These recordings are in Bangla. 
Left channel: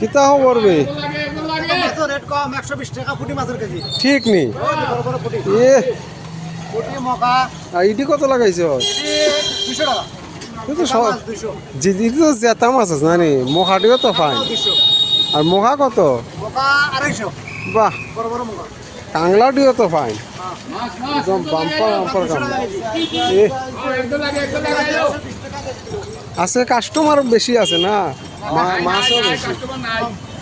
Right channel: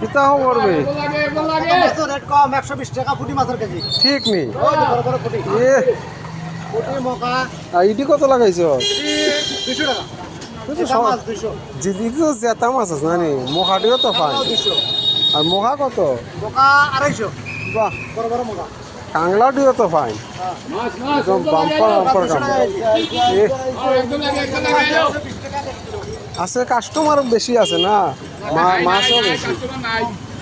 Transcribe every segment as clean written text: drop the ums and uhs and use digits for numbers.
কিতা খবর বে রেট কম 120 টাকা ফুটি মাছের কেজি ঠিক নেই বড় বড় ফুটি এ ফুটি মকা আইডি কত লাগাইছ 200 টাকা তুই তো মাছ 200 জিদি তো জেতা মাছ আছে জানি মোখাটিও তো ফাইন 200 আর মোখা কত মকা 250 বাহ বড় বড় মকা কাংলাটিও তো ফাইন একদম বাম্পার বাম্পার কাম এ আছে কাস্টমার বেশি আছে না মাছও বেশি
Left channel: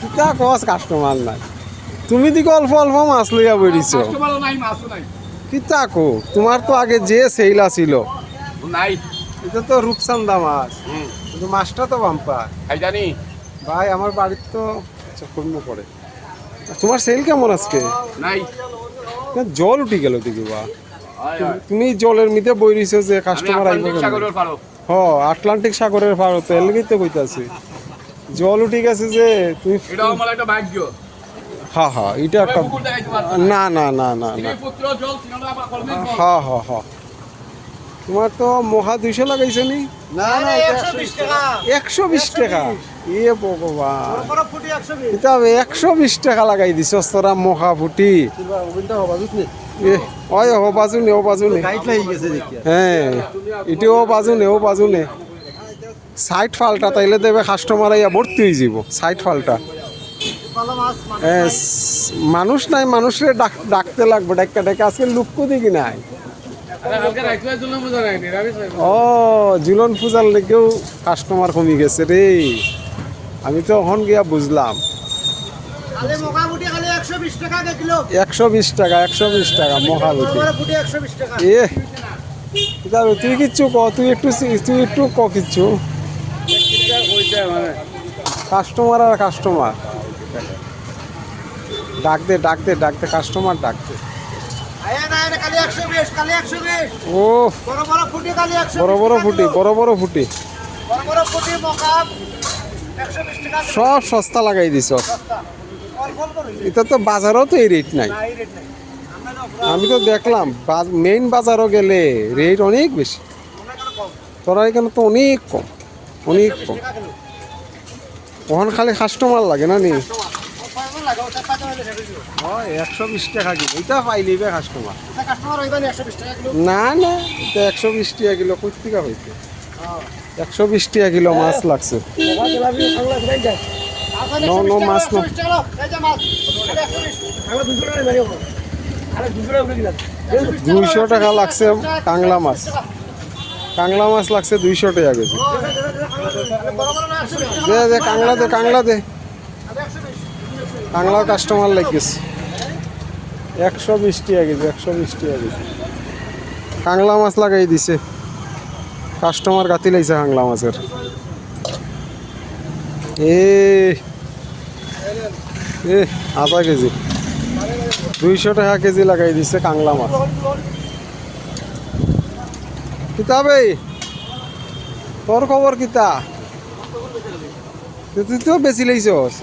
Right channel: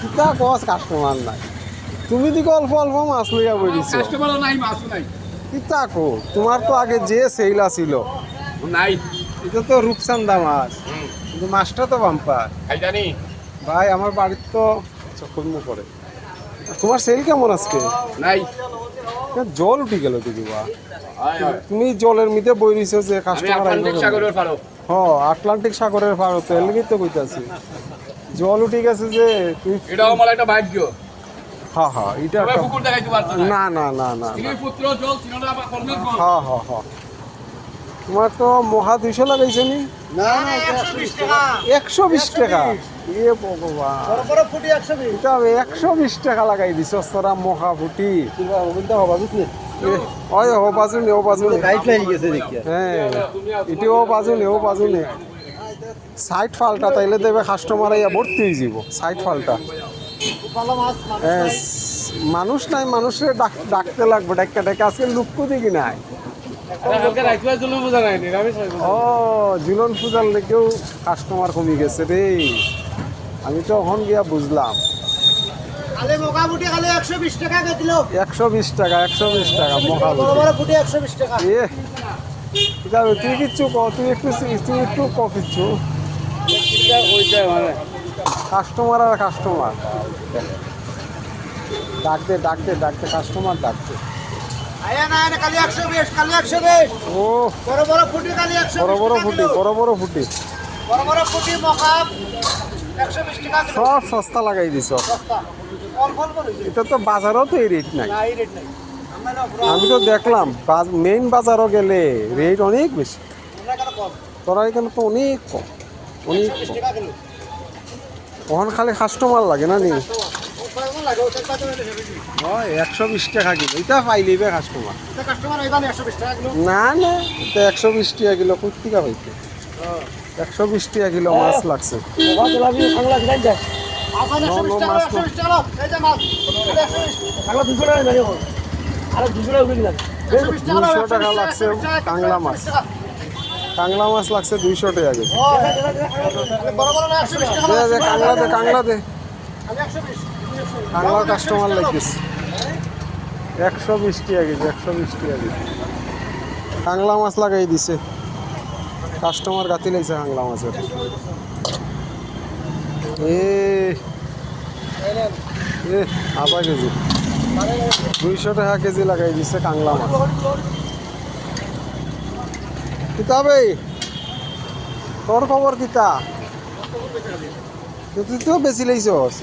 কিতা কস কাস্টমার নাই তুমি দিকে অল্প অল্প মাছ লইয়া বইছো কিতা কো তোমার তো আগে যে সেইলা ছিল নাই এটা তো রূপসান্দা মাছ কিন্তু মাছটা তো বাম্পার জানি ভাই আমার বাড়ির তো চক্কর্ম করে তোমার সেল কেমন আজকে নাই না, জল উঠি গেল দিকে বা তুমি জলের মধ্যে বই রইছো যে কাস্টমার আইবে হ আটলান্টিক সাগরের পার তো এর লাগেই তো কইতাছি জল উঠি গেছে যে তুই এটাও আমার একটা ভাগ্য হ্যাঁ হ্যাঁ এটা একটা পুকুর দেখাইতে পারছো না না না না স্ত্রী না পুত্র জল তিনটা আবার কর্মের ফল হ্যাঁ হ্যাঁ হ্যাঁ তোমার তো মহা 200 লাগাইছে নি না না 120 টাকা 120 টাকা এ ভগবান বড় বড় ফুটি 120 এটা 120 টাকা লাগাই দিছ তোরা মহা ফুটি ওটা হবে বুঝলি এ ওই ও বাজুনে গাইড হয়ে গেছে দেখি হ্যাঁ এটিও বাজুনে সাইড ফালটা তাইলে দেবে কাস্টমার আইয়া ভর্তি হয়ে যাব সাইড ফালটা ভালো মাছ হ্যাঁ, মানুষ নাই মানুষের ডাকতে লাগবে ডাক্কা আজকে লুকু দিকে নাই ও জুলন পূজার লেগেও কাস্টমার কমে গেছে রে আমি তো এখন গিয়া বুঝলাম খালি মকা ফুটি খালি 120 টাকা কিলো 120 টাকা মহা বড় বড় ফুটি 120 টাকা এ যাবে তুই কিচ্ছু ক তুই একটু ক কিচ্ছু কাস্টমার আর কাস্টমার ডাক দে কাস্টমার ডাক দে আয়া না না খালি 120 খালি 120 ও বড় বড় ফুটি খালি 120 বড় ফুটি বড় ফুটি মকা 120 টাকা সব সস্তা লাগাই দিছ সস্তা অল্প অল্প রইছে এটা তো বাজারও তো এই রেট নাই না এই রেট নাই আমরা না পুরো আমি তো দেখলাম মেইন বাজারও গেলে রেট অনেক বেশি আমরা কেন কম তোরা এখানে তো অনেক কম অনেক 120 কম টাকা কিলো ওখানে খালি কাস্টমার লাগে না নি ওখানে লাগে ওটা কাজ না হয় 120 টাকা কিলো এটা পাইলিবে কাস্টমার এটা কাস্টমার হইবানি 120 টাকা কিলো না এটা 120 টাকা কিলো কই টাকা পাইতে 120 টাকা কিলো মাছ লাগছে বাবা তেলাপি খাংলা দিলাই যায় আপনাদের No, 120 no, টাকা মাছ না। 120 টাকা লো এই যে মাছ 120 খাংলা 200 টাকা লাগে আরে 200 টাকা উঠে গেল 200 টাকা লাগছে কাংলা মাছ কাংলা মাছ লাগছে 200 টাকা কেজি বড় বড় না 120 টাকা দে কাংলা দে আমি 120 কাংলা কাস্টমার লাগিয়েছে 120 টাকা কেজি কাংলা মাছ লাগাই দিছে কাস্টমার গাতি লাইছে কাংলা মাছের আধা কেজি 200 টাকা কেজি লাগাই দিছে কাংলা মাছ কিতাবে তোর খবর কিতা তুই তো বেশি লাইছস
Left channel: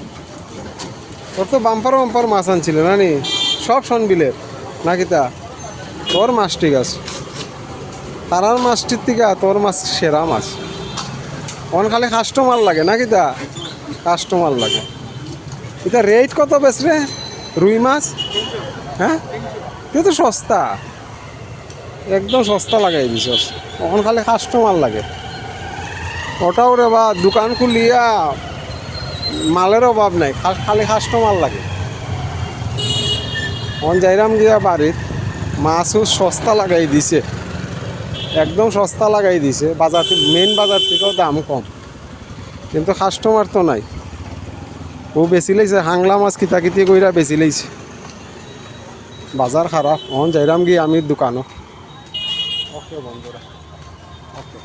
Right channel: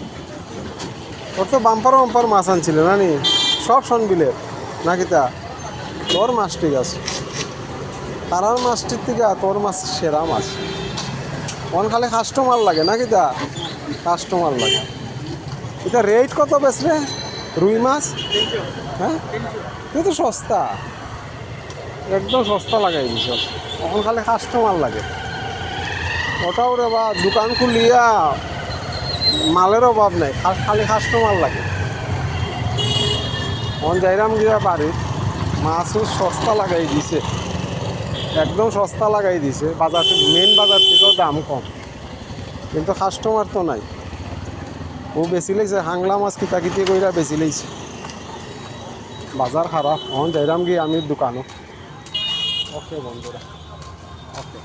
তোর তো বাম্পার মাছ আনছিল না নি সব সনবিলের না কিতা তোর মাছ ঠিক আছে তারার মাছটির থেকে তোর মাছ সেরা মাছ অন খালি কাস্টমার লাগে না কিতা কাস্টমার লাগে এটা রেট কত বেশ রে রুই মাছ হ্যাঁ তুই তো সস্তা একদম সস্তা লাগাই দিছস এখন খালি কাস্টমার লাগে ওটাও রে বা দোকান খুলিয়া মালের অভাব নাই খালি কাস্টমার লাগে এখন যাইরাম গিয়া বাড়ির মাছও সস্তা লাগাই দিছে একদম সস্তা লাগাই দিছে বাজার মেন বাজার থেকেও দাম কম কিন্তু কাস্টমার তো নাই ও বেশি লাইছে হাংলা মাছ কিতা কইরা বেশি লাইছে বাজার খারাপ এখন যাইরাম গিয়ে আমি দোকানও ওকে বন্ধুরা ওকে